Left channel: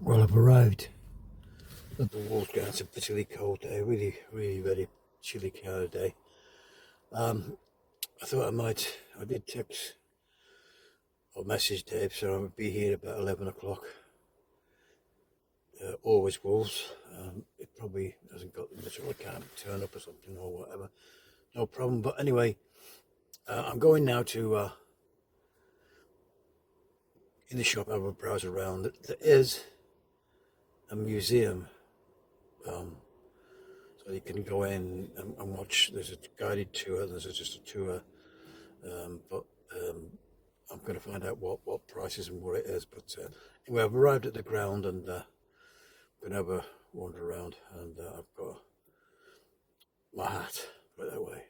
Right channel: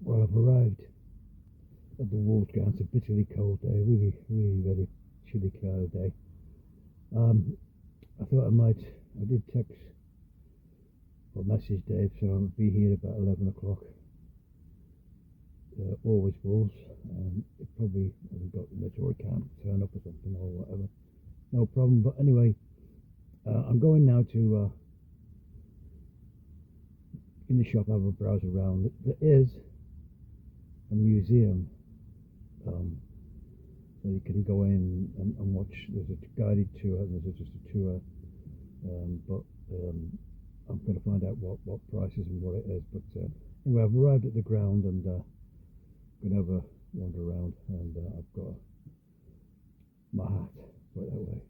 Well, I've arrived at the Wolves ground. It's a bitterly cold day, really very chilly kind of day. I thought I did text or message Dave, so I would be here about 11 o'clock. Always Wolves. It probably hasn't got much, or I can't turn up or something or whatever. No problem. But anyway, I'm going now to in the shop, have a browse around. There is a museum, so you can go in and watch. There's a guided tour, there's just a tour, but I'm going to find out what prices and what it is. But anyway, I've arrived at the ground and I'm going to have a wander around, and I've got my hat, put it that way.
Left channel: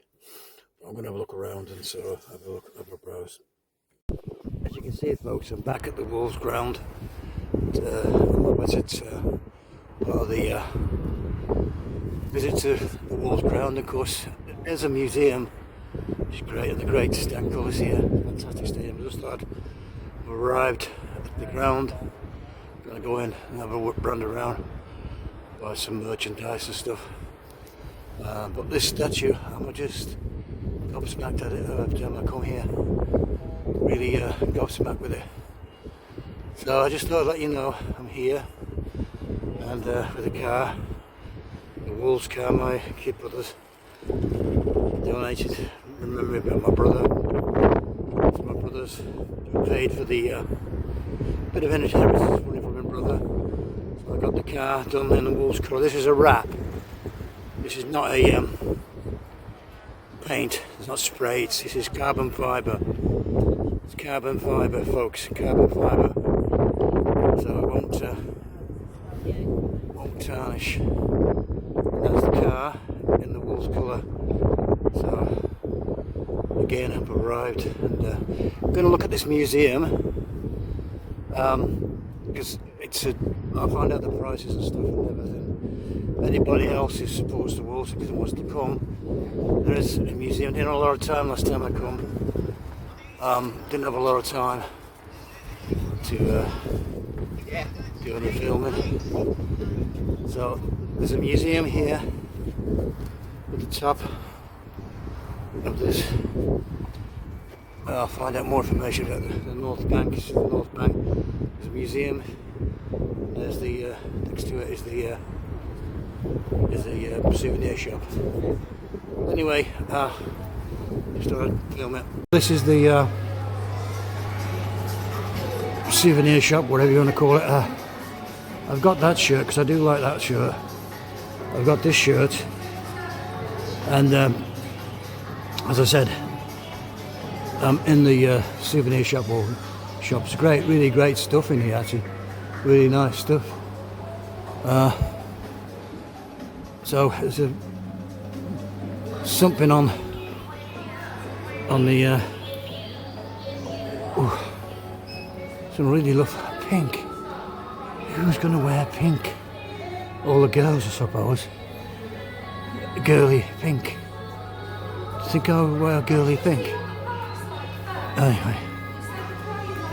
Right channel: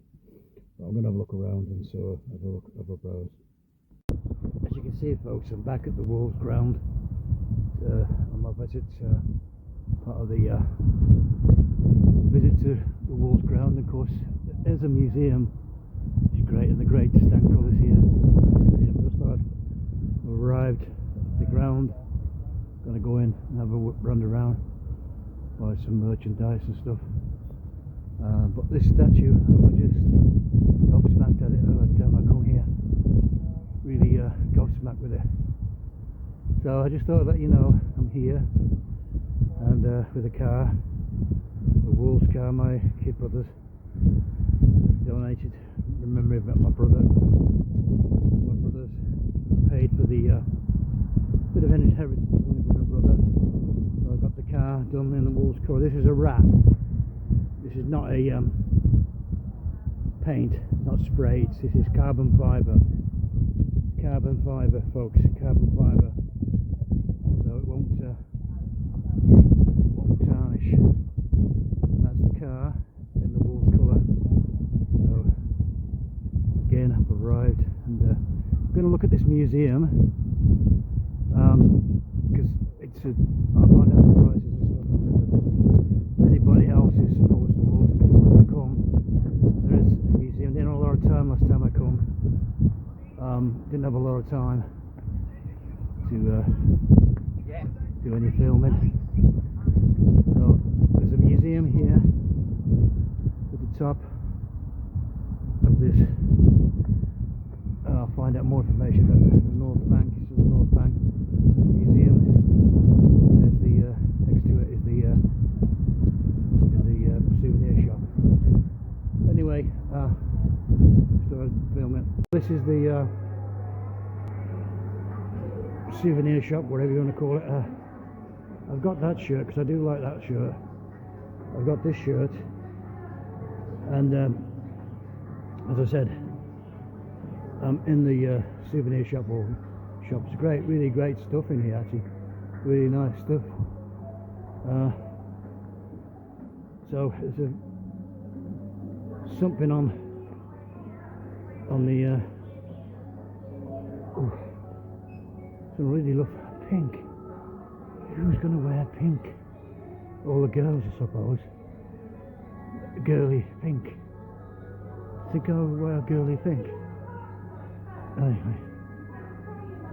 But I'm going to have a look around and so have a browse. As you can see, folks, I'm back at the Wolves ground. It's part of the visit to the Wolves ground. Of course, there's a museum, which is great, and the great Stan Colours here. Fantastic stadium. I just thought I've arrived at the ground. I'm going to go in and have a run around, buy some merchandise and stuff. But this statue, I'm just gobsmacked at it every time I come here. Really gobsmacked with it. So I just thought I'd let you know I'm here, and with a car, the Wolves car, my kid brothers donated. Remember about my brother. It's my brothers who paid for the bit of inheritance money from my brother. So I got the car done in the Wolves colour. This is a wrap. This is not a paint. It's not sprayed. This is carbon fibre. It's carbon fibre, folks. Carbon fibre. So it won't tarnish. And that's the car in the Wolves colour. So again, I've arrived, and I'm going to look at this museum because I'll find out the prices and stuff and everything. Anybody else who supports the Wolves because wants to come, there is a museum. Didn't have a lot of time last time I come. Didn't have a lot of time to do any filming. So there's a museum here at the top of this. I'll find out more information about the North Bank. This is the North Bank. There's a museum. And there's the next to it is the souvenir shop. Anyway, just thought I'd film it. This is the souvenir shop, whatever you want to call it. I've got that shirt because I do like that shirt. I've got this shirt, and as I said, in the souvenir shop or shops. Great, really great stuff in here. Actually, really nice stuff. So there's something on the some really lovely pink. Who's going to wear pink? All the girls, I suppose. Girly pink. Do you think I would wear girly pink? Anyway,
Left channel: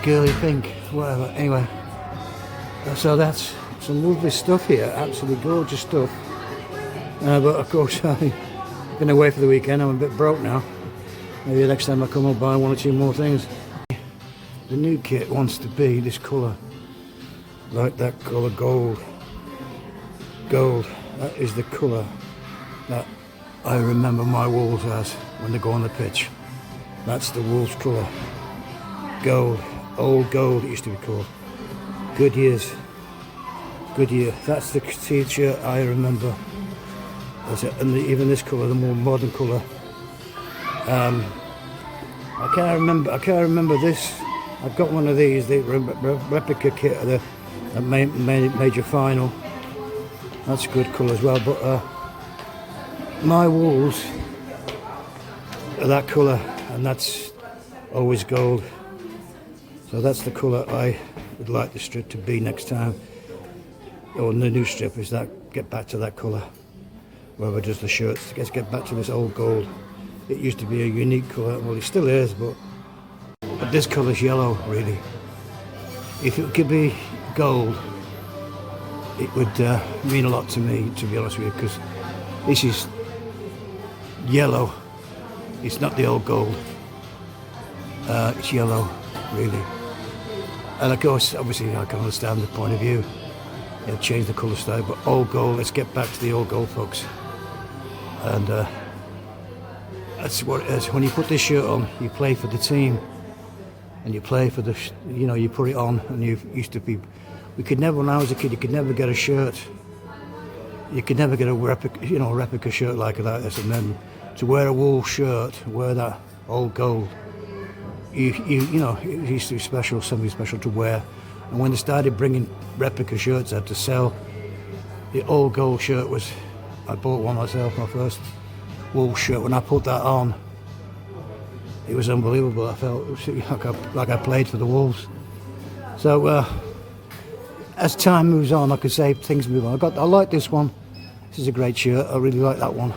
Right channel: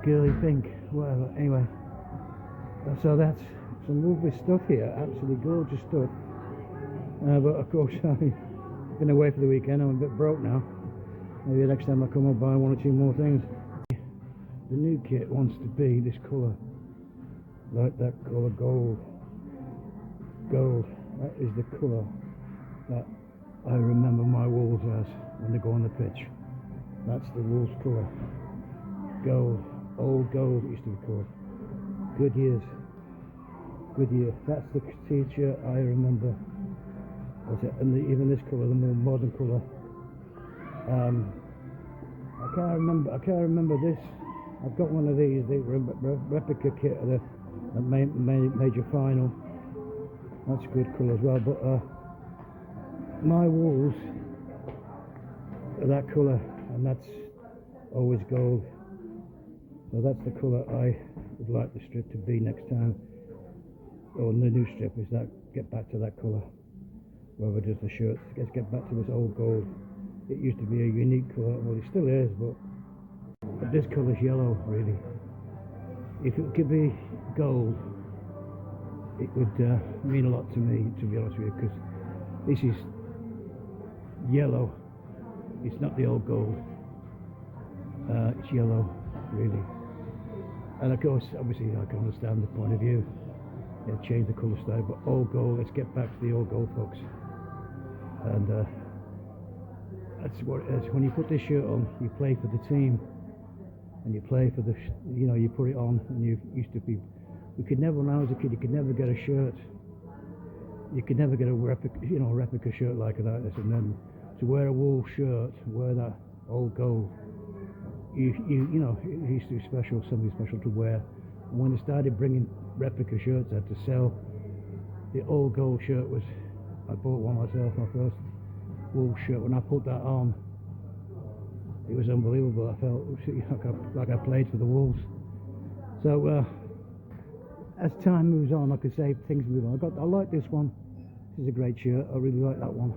girly pink, whatever. Anyway, so that's some lovely stuff here. Absolutely gorgeous stuff. But of course, I've been away for the weekend. I'm a bit broke now. Maybe next time I come, I'll buy one or two more things. The new kit wants to be this colour, like that colour, gold. Gold. That is the colour that I remember my Wolves as when they go on the pitch. That's the Wolves colour. Gold. Old gold it used to be called. Goodyear. That's the t-shirt I remember. And even this colour, the more modern colour. I can't remember this. I've got one of these, the replica kit of the major final. That's a good colour as well. But my Wolves are that colour, and that's always gold. So that's the colour I would like the strip to be next time, or the new strip is that get back to that colour. Whoever does the shirts, let's get back to this old gold. It used to be a unique colour, well it still is, but this colour's yellow really. If it could be gold, it would mean a lot to me, to be honest with you, because this is yellow. It's not the old gold. It's yellow, really. And of course, obviously, I can understand the point of view. They'll change the colour style, but old gold. Let's get back to the old gold, folks. And that's what it is. When you put this shirt on, you play for the team, and you play for the, you know, you put it on, and you used to be. We could never, when I was a kid, you could never get a shirt. You could never get a replica shirt like that. And then to wear a wool shirt, wear that old gold, you know, it used to be special, something special to wear. And when they started bringing replica shirts out to sell, the old gold shirt was, I bought one myself, my first wool shirt. When I put that on, it was unbelievable. I felt like I played for the Wolves. So as time moves on, I could say things move on. I like this one. This is a great shirt. I really like that one,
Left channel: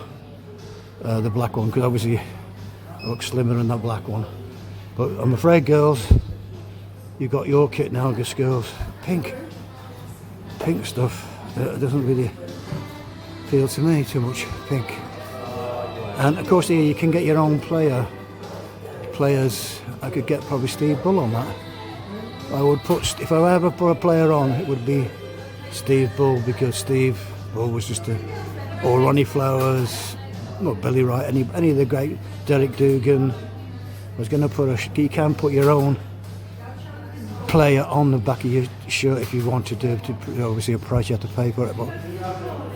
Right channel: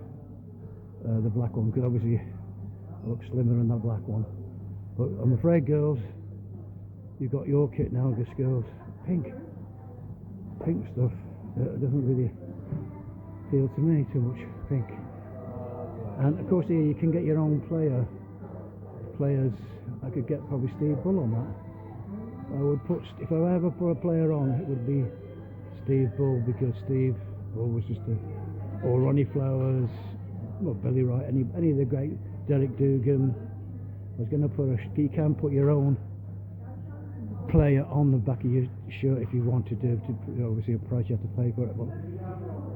the black one, because obviously I look slimmer than that black one. But I'm afraid, girls, you've got your kit now, girls. Pink stuff. It doesn't really appeal to me too much, pink. And of course here you can get your own players. I could get probably Steve Bull on that. I would put, if I ever put a player on, it would be Steve Bull, because Steve Bull was just or Ronnie Flowers, not Billy Wright, any of the great, Derek Dugan. I was going to put you can put your own player on the back of your shirt if you wanted to obviously a price you have to pay for it, but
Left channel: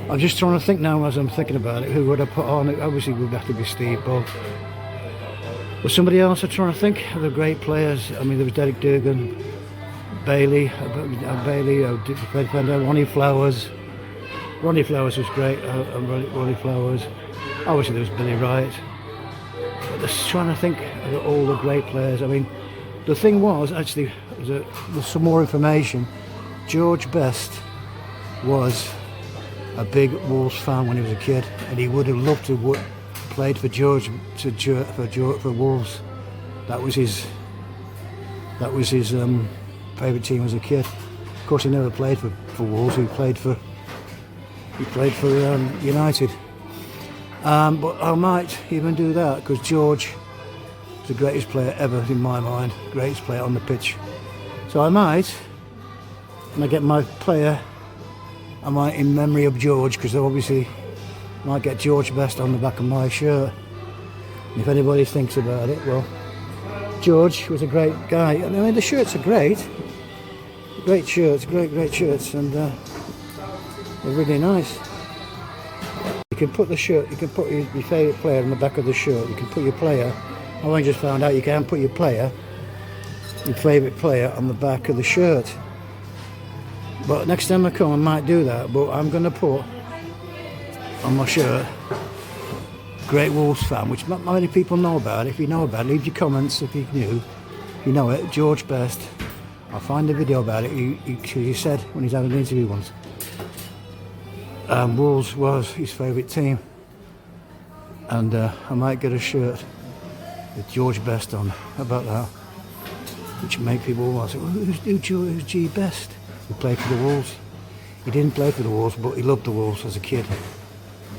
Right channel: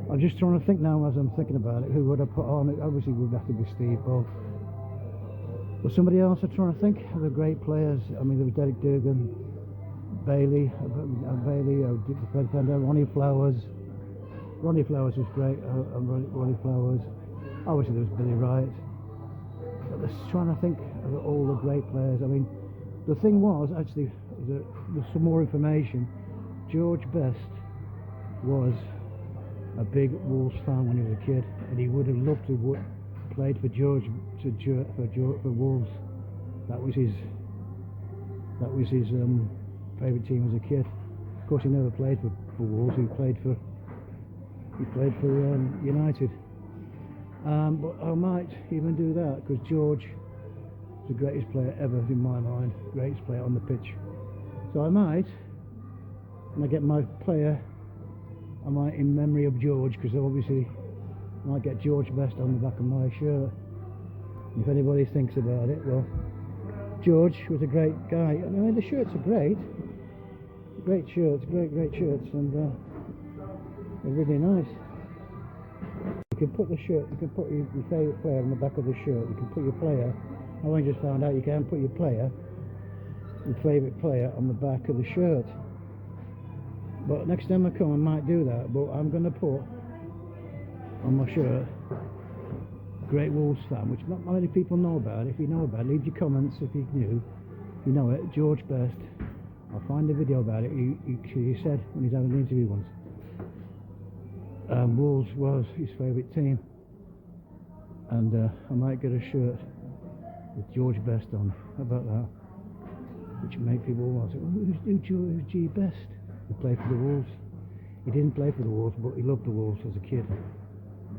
I'm just trying to think now as I'm thinking about it, who would I put on? It obviously would have to be Steve Bull. Was somebody else I'm trying to think of the great players? I mean, there was Derek Dugan, Ronnie Flowers. Ronnie Flowers was great. Ronnie Flowers. Obviously, there was Billy Wright. But just trying to think of all the great players. I mean, the thing was actually, there's some more information. George Best was a big Wolves fan when he was a kid, and he would have loved to played for for Wolves. That was his favourite team as a kid. Of course, he never played for Wolves. He played for United. But I might even do that, because George is the greatest player ever in my mind, greatest player on the pitch. So I might, when I get my player, I might, in memory of George, because obviously I might get George Best on the back of my shirt. And if anybody thinks about it, well, George was a great guy. I mean, the shirts are great shirts, great shirts, and they're really nice. You can put the shirt, you can put your favourite player on the back of the shirt. You can put your player. I only just found out you can put your favourite player on the back of the shirt. But next time I come, I might do that. But I'm going to put on my shirt great Wolves fan, which not many people know about. If you know about it, leave your comments if you knew. If you know it, George Best. I'll find a video about it. He said when he's having an interview once, Wolves was his favourite team, and I might get a shirt with George Best on. How about that? Which make people say, well, who's G Best? He played for the Wolves. He didn't play for the Wolves, but he loved the Wolves as a kid,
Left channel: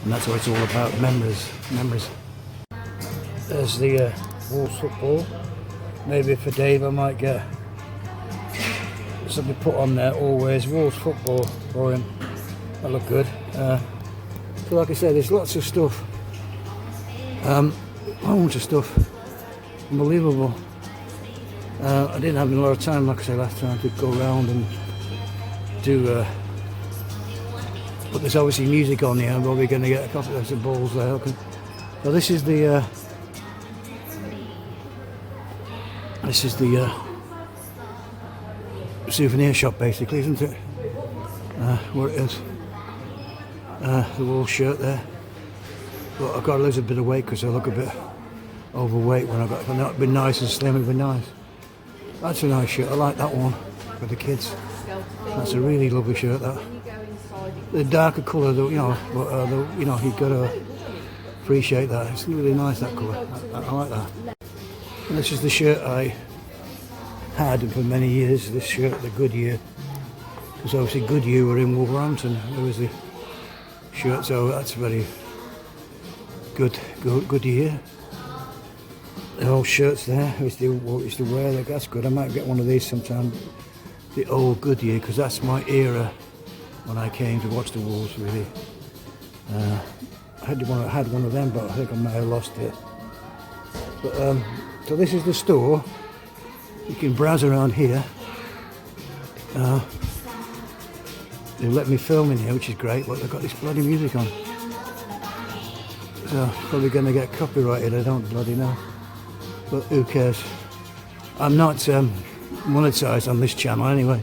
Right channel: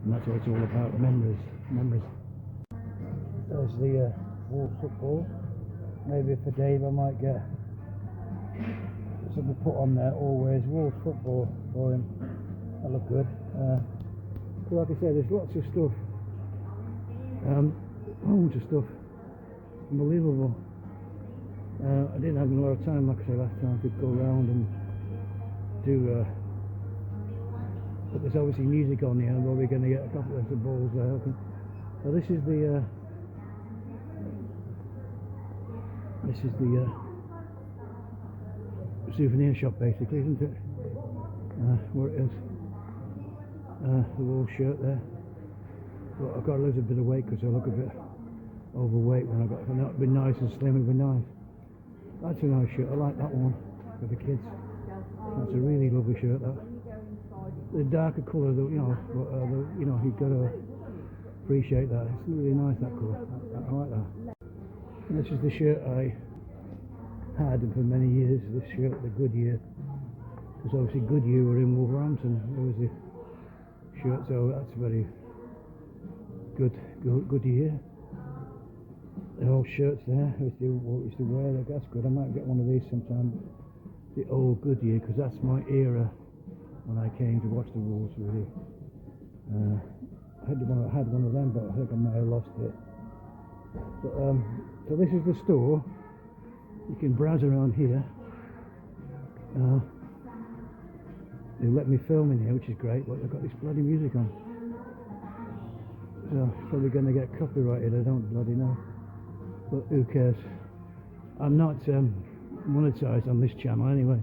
and that's what it's all about. Memories. There's the Wolves football. Maybe for Dave I might get something put on there. Always Wolves football for him. That look good. So like I said, there's lots of stuff. Loads of stuff. Unbelievable. I didn't have a lot of time, like I said last time, to go around and do. But there's obviously music on here. I'm probably going to get a couple of balls there. Okay. So this is the. Souvenir shop, basically, isn't it? What it is. The wool shirt there. But I've got to lose a bit of weight because I look a bit overweight when if I've not been nice and slim, it'd be nice. That's a nice shirt. I like that one for the kids. That's a really lovely shirt. That the darker colour, you know, you've got to appreciate that. It's really nice, that colour. I like that. And this is the shirt I had for many years. This shirt, the Goodyear Because obviously Goodyear were in Wolverhampton. There was the shirt, so that's very good year. The old shirts there, I used to wear. That's good. I might get one of these sometime. The old Goodyear, because that's my era when I came to watch the Wolves. Really, I had one of them, but I think I may have lost it. But so this is the store. You can browse around here. They let me film in here, which is great, but they've got this bloody music on. So probably going to get copyrighted, I don't bloody know. But who cares? I'm not monetized on this channel anyway.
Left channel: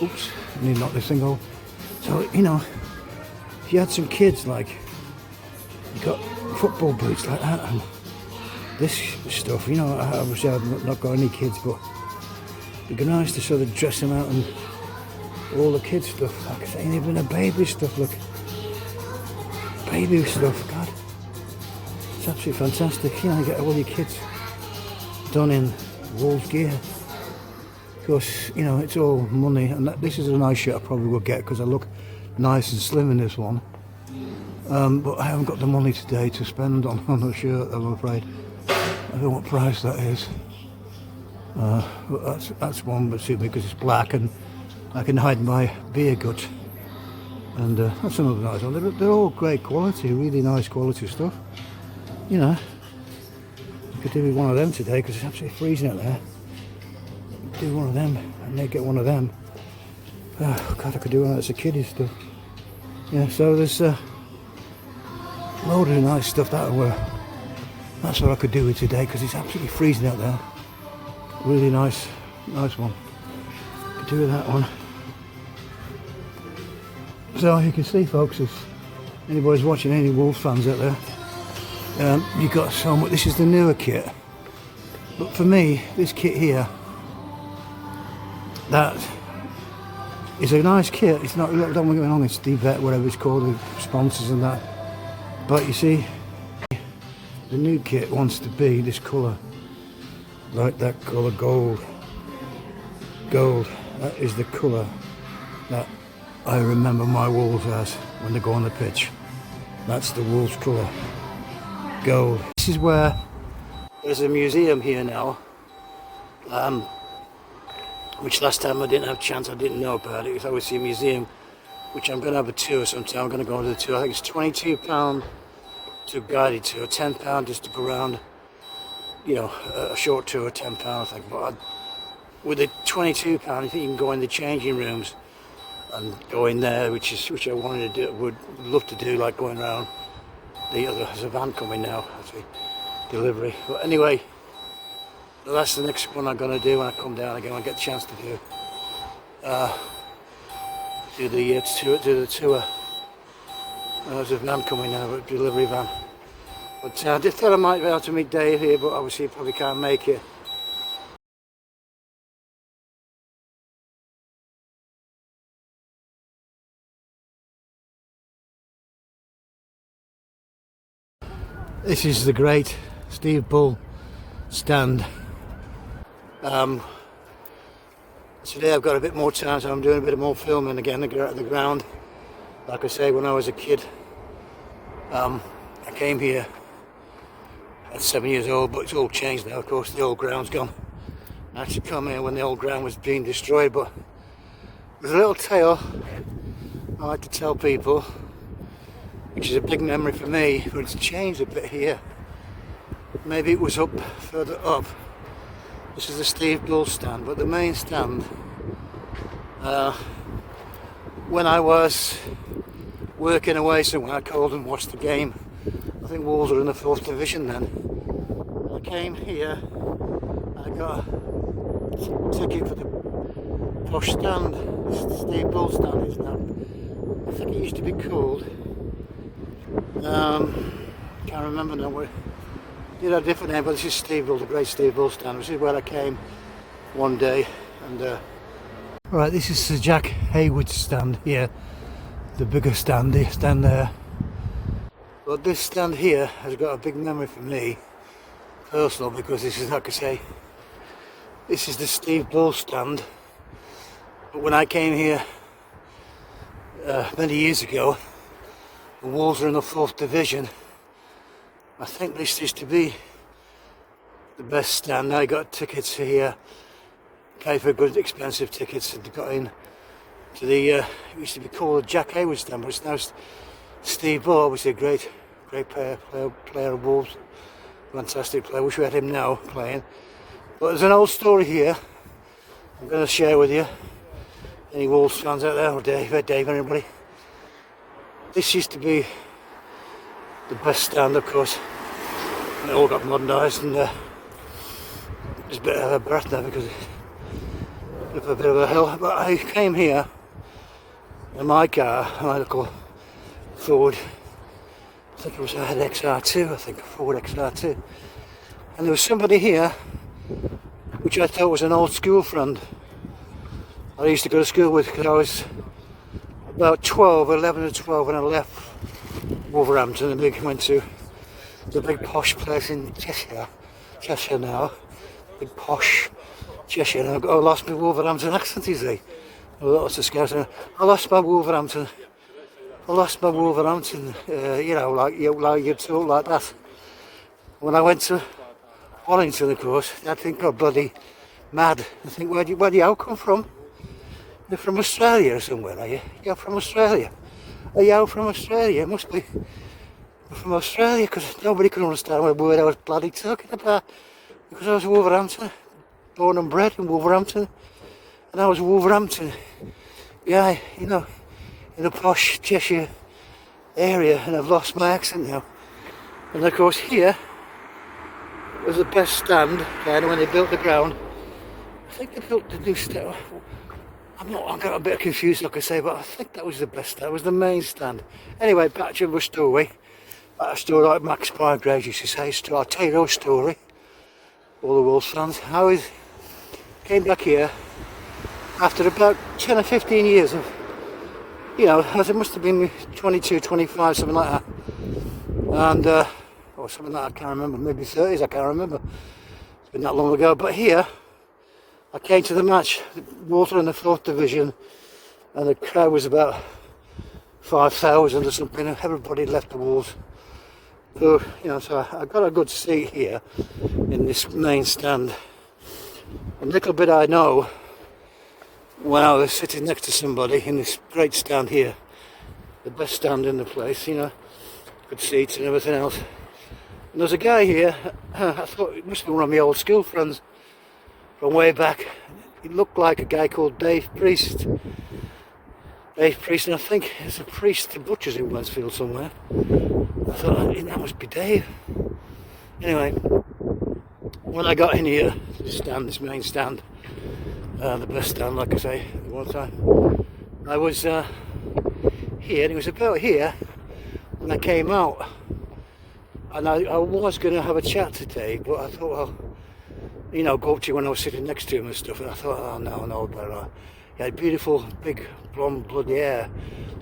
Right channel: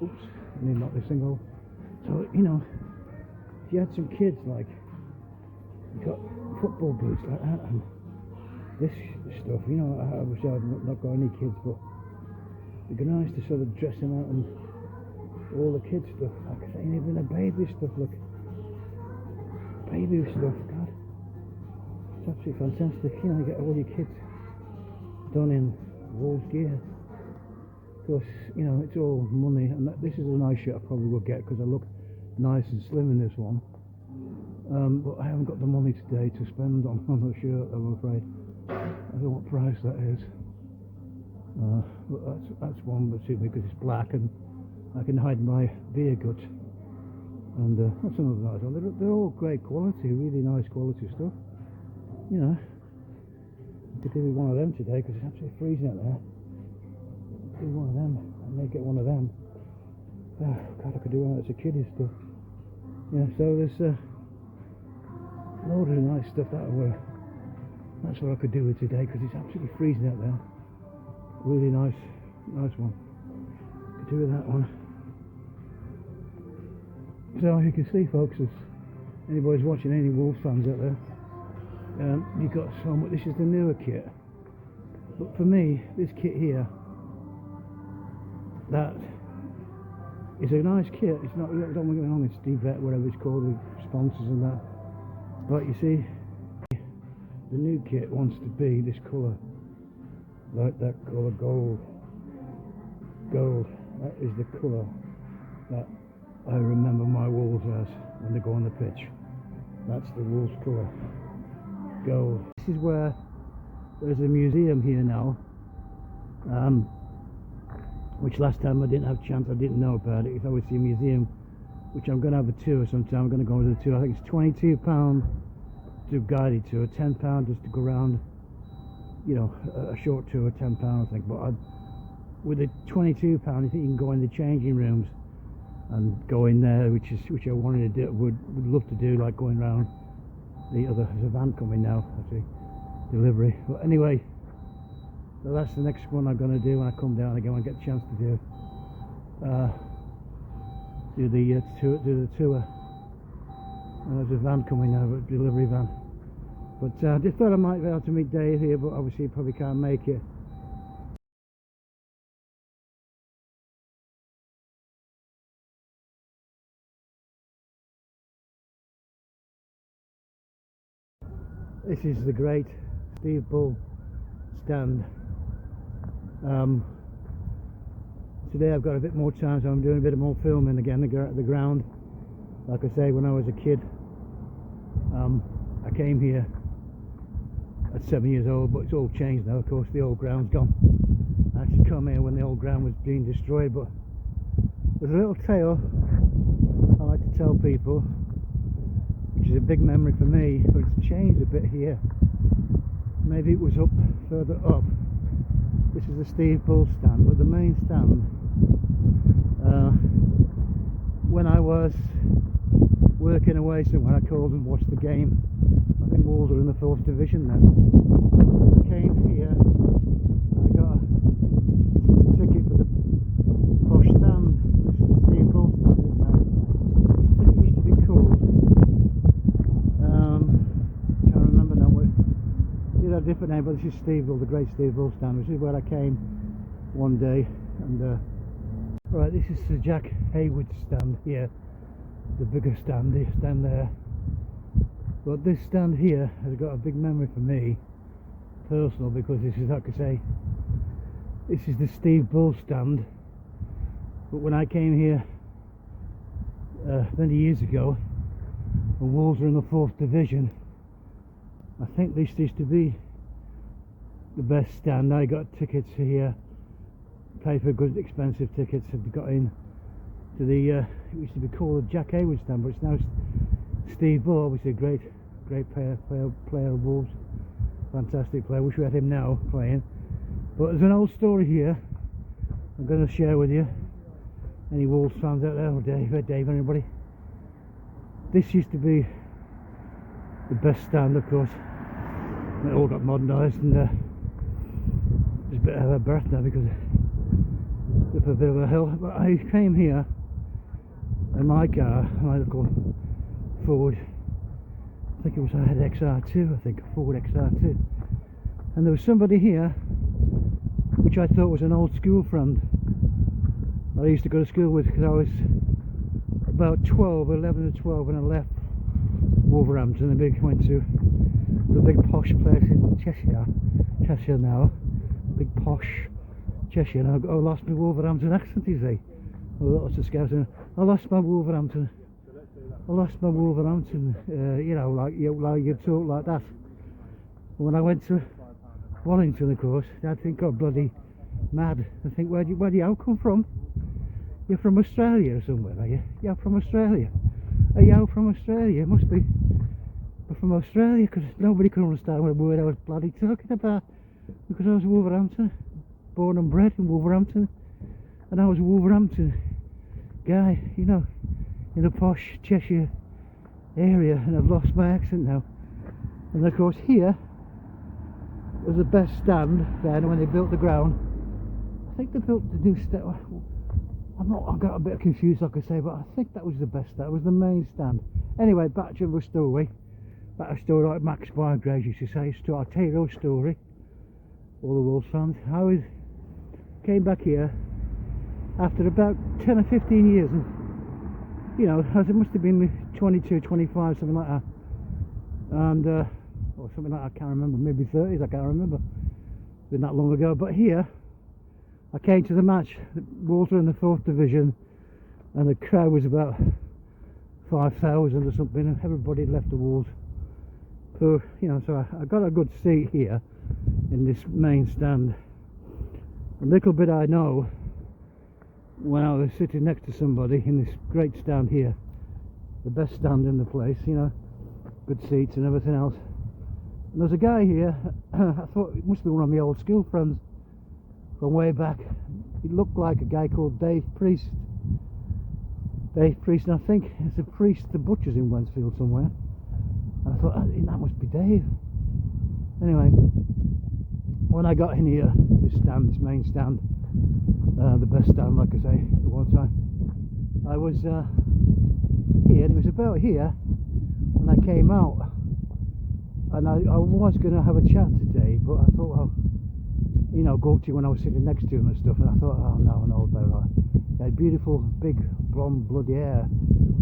Oops, I need to knock this thing off. So, you know, if you had some kids, like, you got football boots like that, and this stuff, you know, obviously I've not got any kids, but it'd be nice to sort of dress them out and all the kids stuff, like I say, even the baby stuff, look. Baby stuff, God. It's absolutely fantastic. You know, you get all your kids done in Wolves gear. Of course, you know, it's all money, and this is a nice shirt I probably will get because I look nice and slim in this one. But I haven't got the money today to spend on a shirt, I'm afraid. I don't know what price that is. But that's one that suits me because it's black and I can hide my beer gut. And that's another nice one. They're all great quality, really nice quality stuff. You know, I could do with one of them today because it's absolutely freezing out there. Do one of them, and they get one of them. Oh God, I could do one that's a kiddie stuff. Yeah, so there's a load of nice stuff that that's what I could do with today because it's absolutely freezing out there. Really nice one. Could do with that one. So you can see, folks, if anybody's watching, any Wolves fans out there, you've got so much. This is the newer kit, but for me, this kit here, that is a nice kit. It's not, don't get me wrong, it's D-Vet, whatever it's called, the sponsors and that. But you see, the new kit wants to be this colour, like that colour, gold. That is the colour that I remember my Wolves as when they go on the pitch. That's the Wolves colour, gold. This is where there's a museum here now, which last time I didn't have a chance, I didn't know about it. It's obviously a museum, which I'm going to have a tour sometime. I'm going to go on the tour. I think it's £22 to a guided tour, £10 just to go around, you know, a short tour, £10 I think. But with the £22, I think you can go in the changing rooms and go in there, which I wanted to do, would love to do, like going around there's a van coming now, actually, delivery. But anyway, that's the next one I'm going to do when I come down again. I get a chance to do the tour. There's a van coming now, a delivery van. But I just thought I might be able to meet Dave here, but obviously he probably can't make it. This is the great Steve Bull stand. Today I've got a bit more time, so I'm doing a bit more filming again at the ground. Like I say, when I was a kid, I came here at 7 years old, but it's all changed now. Of course, the old ground's gone. I actually come here when the old ground was being destroyed, but there's a little tale I like to tell people, which is a big memory for me, but it's changed a bit here. Maybe it was up further up. This is the Steve Bull stand, but the main stand, when I was working away somewhere, I called and watched the game. I think Wolves were in the 4th division then. I came here and I got a ticket for the posh stand. This is the Steve Bull stand is now. I think it used to be called, can't remember now. It had a different name, but this is Steve Bull, the great Steve Bull stand. This is where I came one day, and right, this is Sir Jack Hayward's stand here, the bigger stand, there. But this stand here has got a big memory for me, personal, because this is, like I say, this is the Steve Bull stand. But when I came here many years ago, the Wolves were in the 4th division. I think this used to be the best stand. I got tickets here, paid for good expensive tickets, and got in to the it used to be called the Jack Hayward stand, but it's now Steve Bull, obviously a great player of Wolves, fantastic player. Wish we had him now playing. But there's an old story here I'm going to share with you. Any Wolves fans out there, or Dave, anybody? This used to be the best stand, of course. It all got modernised, and it's a bit of a breath now because it's up a bit of a hill. But I came here in my car, my little Ford. I think it was a XR2, I think, a Ford XR2. And there was somebody here, which I thought was an old school friend. I used to go to school with, because I was about 11 or 12 when I left Wolverhampton and went to the big posh place in Cheshire now, big posh Cheshire, and I lost my Wolverhampton accent, you see. Lots of scouts. I lost my Wolverhampton, you know, like you talk like that. When I went to Wellington, of course, I'd think, oh, bloody mad. I think, where do you come from? You're from Australia or somewhere, are you? You're from Australia. Are you from Australia? It must be from Australia, because nobody could understand what word I was bloody talking about. Because I was Wolverhampton, born and bred in Wolverhampton, and I was a Wolverhampton guy, you know, in the posh Cheshire area, and I've lost my accent now. And of course here was the best stand, again, when they built the ground. I think they built the new stand. I got a bit confused, like I say, but I think that was the best stand. It was the main stand. Anyway, back to the story. Back to the story, like Max Bygraves used to say. I'll tell you a story, all the Wolves fans. I came back here after about 10 or 15 years of, you know, it must have been 22, 25, something like that. And, or something like that, I can't remember, maybe 30s, I can't remember. It's been that long ago. But here, I came to the match, Wolves in the 4th division, and the crowd was about 5,000 or something, and everybody left the Wolves. So, you know, so I got a good seat here in this main stand. A little bit I know, when I was sitting next to somebody in this great stand here, the best stand in the place, you know, good seats and everything else. And there's a guy here, I thought it must be one of my old school friends from way back. He looked like a guy called Dave Priest. And I think it's a priest to butchers in Westfield somewhere. I thought, that must be Dave. Anyway, when I got in here, this main stand, the best stand, like I say, at one time, I was here, and it was about here when I came out. And I was going to have a chat today, but I thought, well, you know, go up to you when I was sitting next to him and stuff, and I thought, oh no, better. He had beautiful, big, blonde, bloody hair,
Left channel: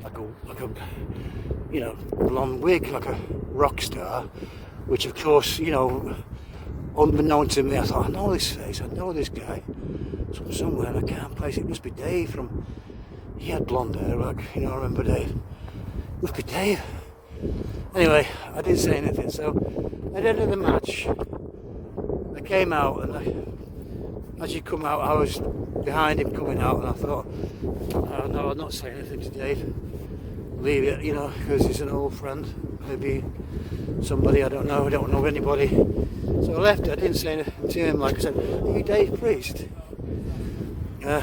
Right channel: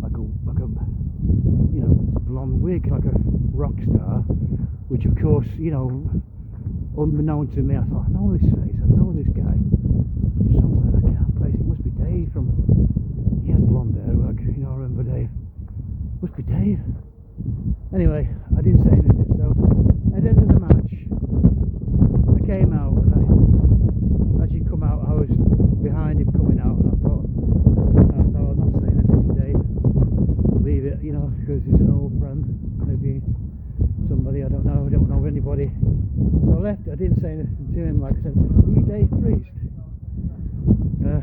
like a, you know, blonde wig, like a rock star, which of course, you know, unbeknown to me, I thought, I know this face, I know this guy from somewhere, and I can't place it. It must be Dave he had blonde hair, like, you know, I remember Dave. It must be Dave. Anyway, I didn't say anything, so at the end of the match, I came out, and as you come out, I was behind him coming out, and I thought, oh no, I'm not saying anything to Dave. Leave it, you know, because he's an old friend, maybe somebody, I don't know anybody. So I left it, I didn't say anything to him, like I said, are you Dave Priest? I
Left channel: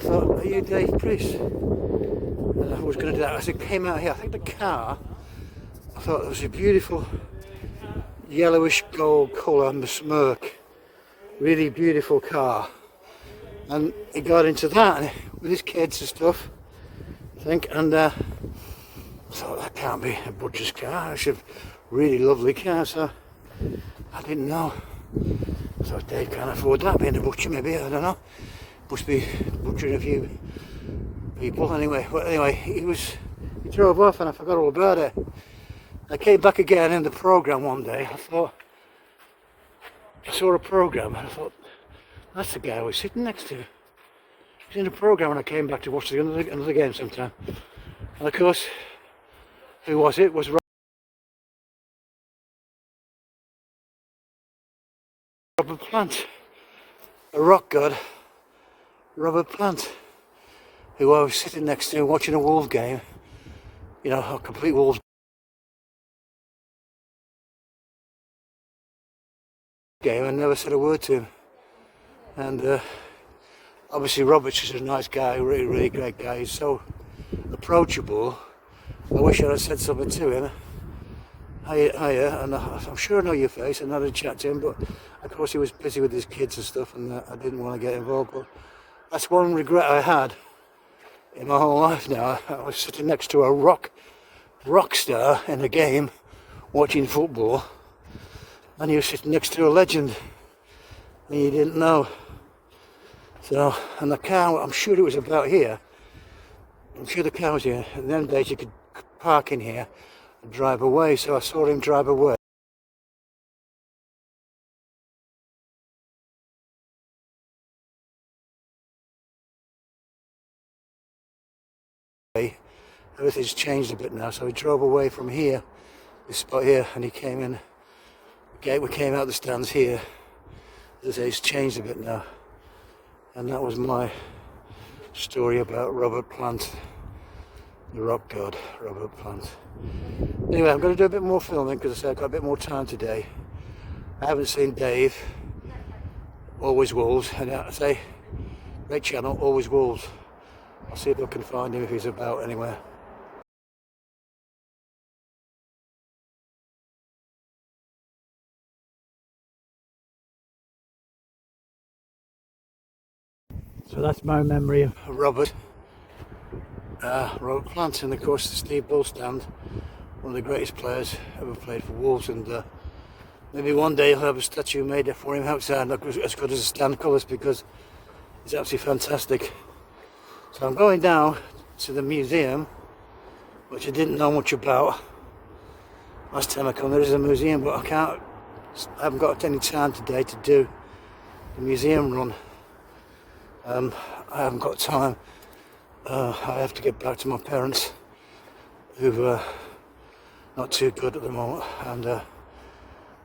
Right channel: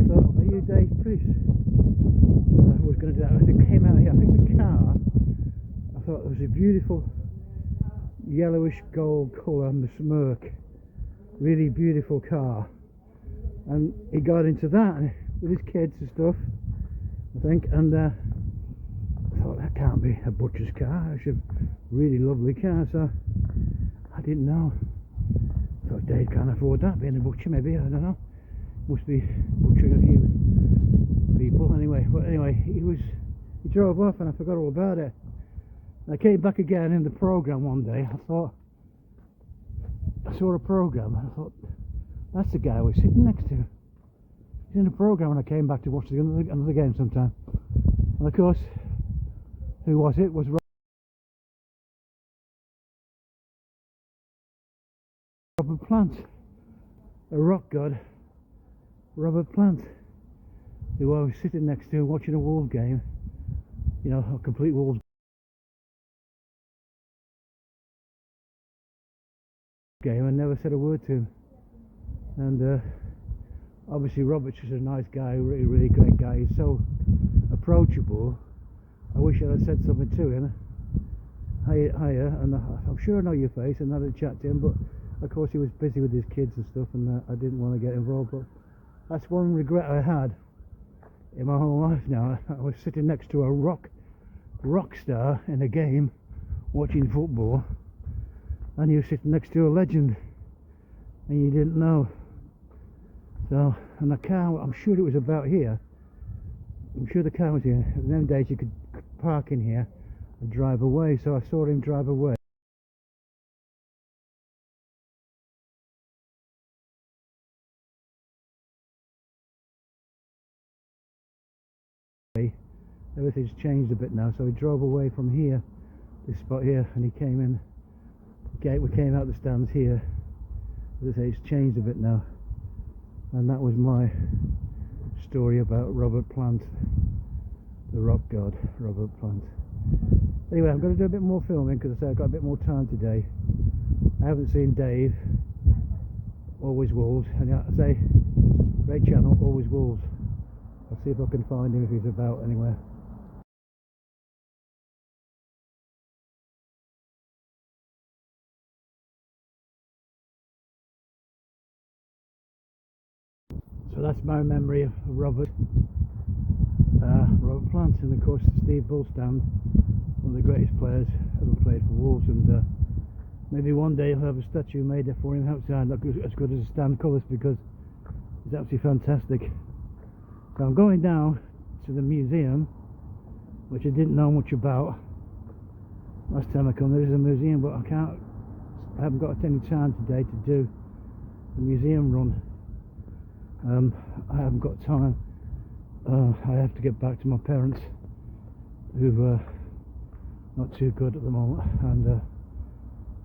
thought, are you Dave Priest? And I was going to do that. As it came out here, I think the car, I thought it was a beautiful yellowish gold colour smirk, really beautiful car. And he got into that with his kids and stuff, I think, and I thought, that can't be a butcher's car, it's a really lovely car, so I didn't know. I thought Dave can't afford that, being a butcher, maybe, I don't know. Must be butchering a few people anyway. But anyway, he drove off, and I forgot all about it. And I came back again in the programme one day. I saw a programme, and I thought, That's the guy I was sitting next to. He's in the programme when I came back to watch another game sometime. And of course, who was it? It was Robert Plant, a rock god, Robert Plant, who I was sitting next to watching a Wolves game, you know, a complete Wolves game. I never said a word to him. And obviously Robert's just a nice guy, really, really great guy. He's so approachable. I wish I had said something to him. Hiya, and I'm sure I know your face, and I had a chat to him, but of course he was busy with his kids and stuff, and I didn't want to get involved. But that's one regret I had in my whole life now. I was sitting next to a rock star in a game, watching football, and you were sitting next to a legend, and you didn't know. So, and the car, I'm sure it was about here. I'm sure the car was here. In them days you could park in here and drive away, so I saw him drive away. Everything's changed a bit now, so he drove away from here, this spot here, and he came in. We came out the stands here. As I say, it's changed a bit now. And that was my story about Robert Plant, the rock god, Robert Plant. Anyway, I'm going to do a bit more filming because I say I've got a bit more time today. I haven't seen Dave, Always Wolves, and I say, great channel, Always Wolves. I'll see if I can find him if he's about anywhere. So that's my memory of Robert Plant, and of course the Steve Bull stand, one of the greatest players ever played for Wolves, and maybe one day I'll have a statue made for him outside, not as good as the stand colours, because it's absolutely fantastic. So I'm going down to the museum, which I didn't know much about last time I come. There is a museum, but I haven't got any time today to do the museum run. I haven't got time. I have to get back to my parents, who not too good at the moment, and I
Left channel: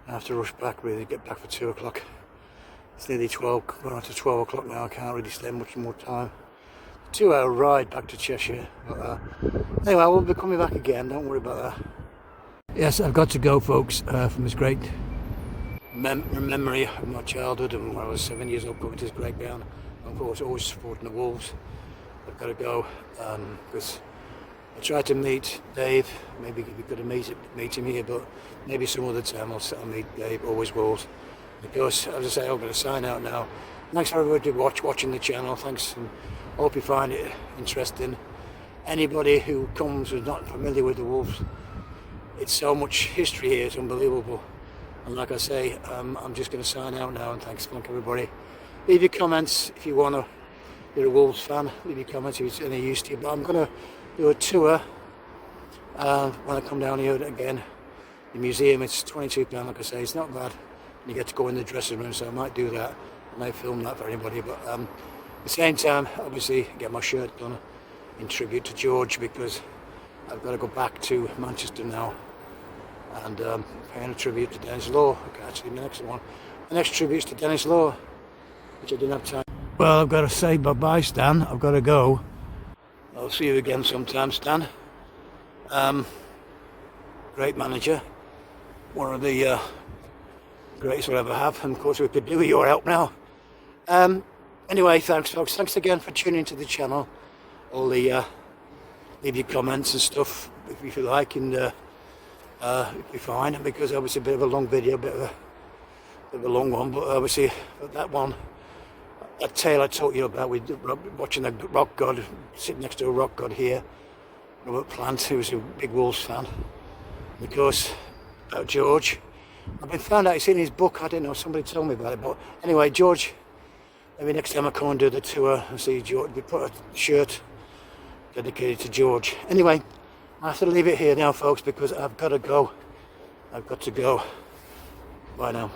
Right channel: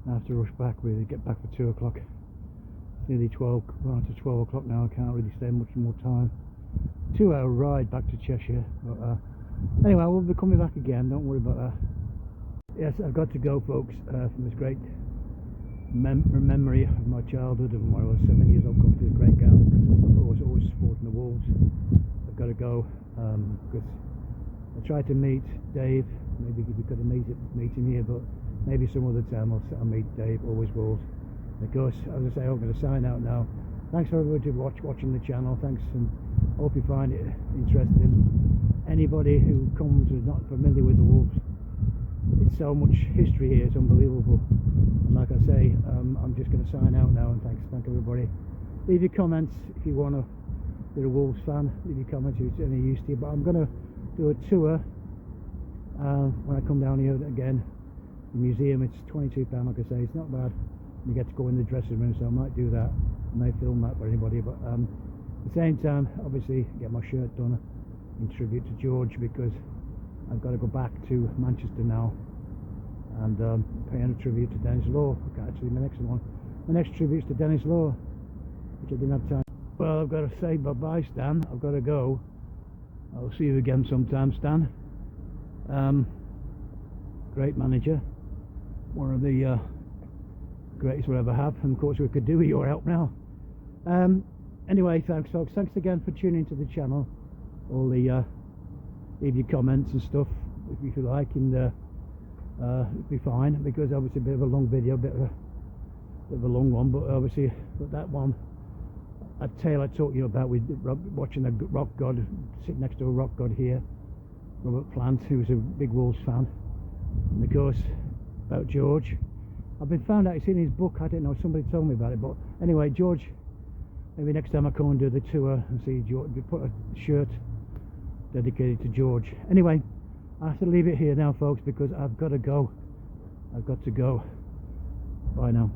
have to rush back, really, get back for 2 o'clock. It's nearly 12, going on to 12 o'clock now. I can't really stay much more time. 2-hour ride back to Cheshire, but anyway, I will be coming back again, don't worry about that. Yes, I've got to go, folks, from this great memory of my childhood, and when I was 7 years old, coming to this great ground. Of course, always supporting the Wolves. I've got to go because I tried to meet Dave. Maybe we could have meet him here, but maybe some other time I'll meet Dave, Always Wolves. Of course, as I say, I'm going to sign out now. Thanks for everybody watching the channel. Thanks, and I hope you find it interesting. Anybody who comes who's not familiar with the Wolves, it's so much history here, it's unbelievable. And like I say, I'm just going to sign out now, and thanks everybody. Leave your comments if you want to. You're a Wolves fan, leave your comments if it's any use to you. But I'm going to do a tour when I come down here again. The museum, it's £22, like I say, it's not bad. You get to go in the dressing room, so I might do that. I might film that for anybody, but at the same time, obviously, get my shirt done in tribute to George, because I've got to go back to Manchester now and paying a tribute to Dennis Law. Actually, the next tribute's to Dennis Law, which I didn't have time. Well, I've got to say bye-bye, Stan. I've got to go. I'll see you again sometime, Stan. Great manager, one of the greatest we'll ever have, and of course we could do with your help now. Anyway, thanks folks, thanks again for tuning into the channel. All the leave your comments and stuff if you like, and it'll be fine, because obviously a bit of a long video, a bit of a long one, but obviously that one, that tale I taught you about with watching a rock god, sitting next to a rock god here, Robert Plant, who was a big Wolves fan, and of course about George. I've been found out, it's in his book, I don't know, somebody told me about it, but anyway, George, maybe next time I come and do the tour and see George, we put a shirt dedicated to George. Anyway, I have to leave it here now, folks, because I've got to go. Bye now.